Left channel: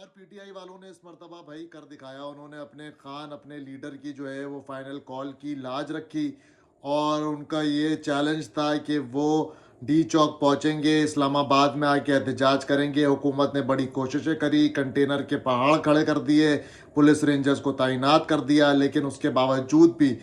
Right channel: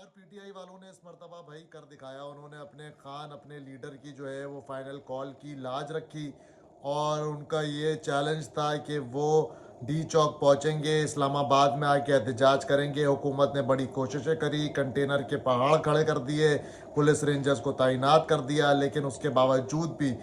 اور P T I والوں نے اس مرتبہ بھائی کر دکھایا. انہوں نے اپنے خان اپنے لیڈر کی جو ہے وہ فائنل کال کی, لاج رکھی, اور ان کا یہ چیلنج تھا کہ وہ ڈی چوک پہنچیں گے, اسلام آباد میں آ کے احتجاج کریں گے. حکومت نے بڑی کوششیں کری, کنٹینر کے پہاڑ کھڑے کر دیے, پولیس رینجرز کو تعینات کر دیا, لیکن اس کے باوجود بھی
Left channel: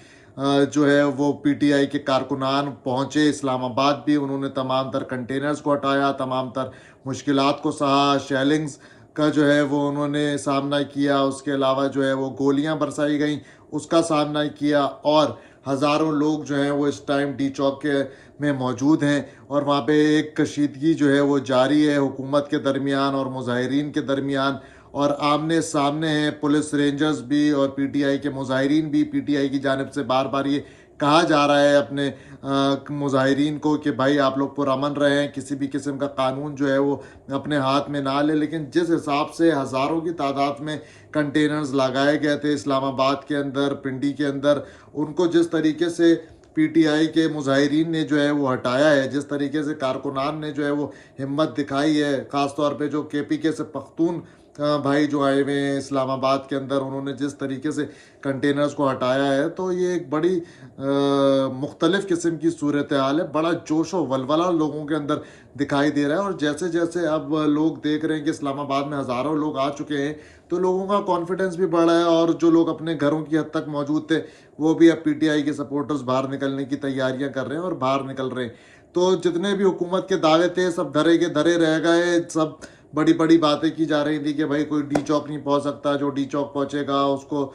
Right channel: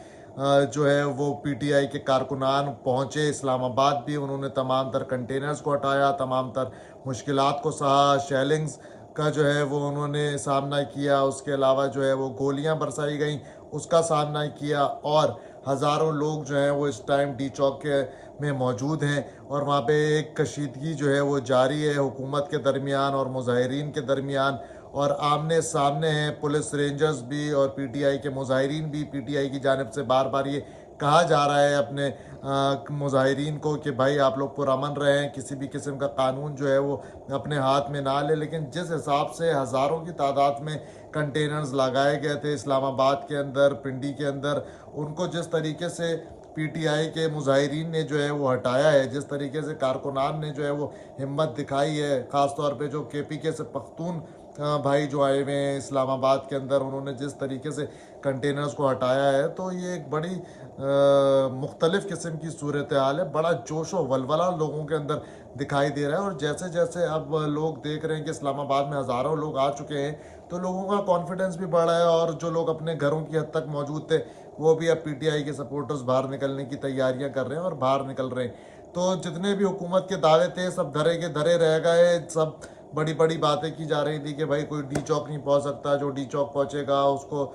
جو ہے وہ پی ٹی آئی کے کارکنان پہنچے اسلام آباد بھی. انہوں نے تمام تر کنٹینرز کو ہٹایا, تمام تر مشکلات کو سہا, شیلنگز کا جو ہے وہ انہوں نے سامنا کیا. اس کے علاوہ جو ہے وہ گولیاں برسائی گئیں, اس کا سامنا کیا, اور ہزاروں لوگ جو ہیں وہ اس ٹائم ڈی چوک کے میں موجود ہیں, اور وہاں پہ ایک کشیدگی جو ہے وہ جاری ہے حکومت کے درمیان اور مظاہرین کے درمیان, اور آمنے سامنے ہیں پولیس رینجرز بھی اور پی ٹی آئی کے مظاہرین بھی. پی ٹی آئی کی جانب سے بار بار یہ کہا جا رہا ہے اپنے مظاہرین کو کہ بھائی آپ لوگ پرامن رہیں, کسی بھی قسم کا قانون جو ہے وہ اپنے ہاتھ میں نہ لے. لیکن جس حساب سے ہزاروں کی تعداد میں کنٹینرز لگائے گئے تھے اسلام آباد کے اندر, پنڈی کے اندر, ان کو جس طریقے سے پی ٹی آئی کے مظاہرین نے جو ہے وہ ہٹایا ہے, جس طریقے سے کارکنان نے جو ہے وہ ہمت دکھائی ہے, خاص طور پہ جو کے پی کے سے پختون بھائی جو آئے ہوئے ہیں اسلام آباد کے اندر, انہوں نے جس طریقے سے کنٹینرز کو ہٹایا ہے, تو یہ ایک بڑی مختلف قسم کی صورتحال ہے. بڑا جوش و ولولہ لوگوں کے اندر دکھائی دے رہا ہے, اور جیسے جیسے اب لوگ دیکھ رہے ہیں کہ اسلام آباد میں ہزاروں لوگ آ چکے ہیں, تو لوگوں کا کانفیڈنس بھی بڑھ رہا ہے, اور جو لوگ اپنے گھروں کی حد تک موجود تھے وہ بھی اب پی ٹی آئی کے سپورٹرز باہر نکلنے کی تیاریاں کر رہے ہیں اور باہر نکل رہے ہیں. تو جتنے بھی حکومت کے دعوے تھے سب دھرے کے دھرے رہ گئے. سب بڑی بڑی باتیں کی جا رہی تھی کہ بھائی کوئی ڈی چوک نہیں پہنچ سکتا, جو ڈی چوک پہنچے گا اس کو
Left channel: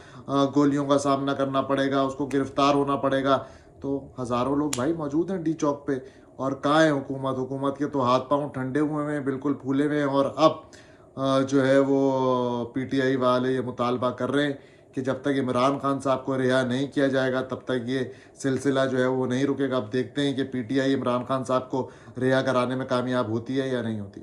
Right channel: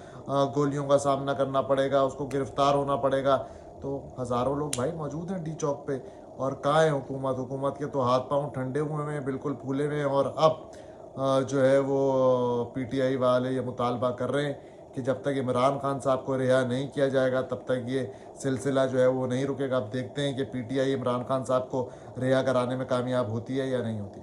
گولیوں کا سامنا کرنا پڑے گا, اس کو گرفتار ہونا پڑے گا. تو ہزاروں لوگ بھائی موجود ہیں ڈی چوک پہ, اور کہاں ہے حکومت؟ حکومت کے تو ہاتھ پاؤں ٹھنڈے ہوئے ہیں, بالکل پھولے ہوئے ہیں. اور اب جو ہے وہ پی ٹی آئی والے یہ مطالبہ کر رہے ہیں کہ جب تک عمران خان صاحب کو رہا نہیں کیا جائے گا تب تک یہ سلسلہ جو ہے وہ نہیں رکے گا. اب دیکھتے ہیں کہ P T I Imran Khan صاحب کو رہا کرانے میں کامیاب ہوتی ہے یا نہیں ہوتی.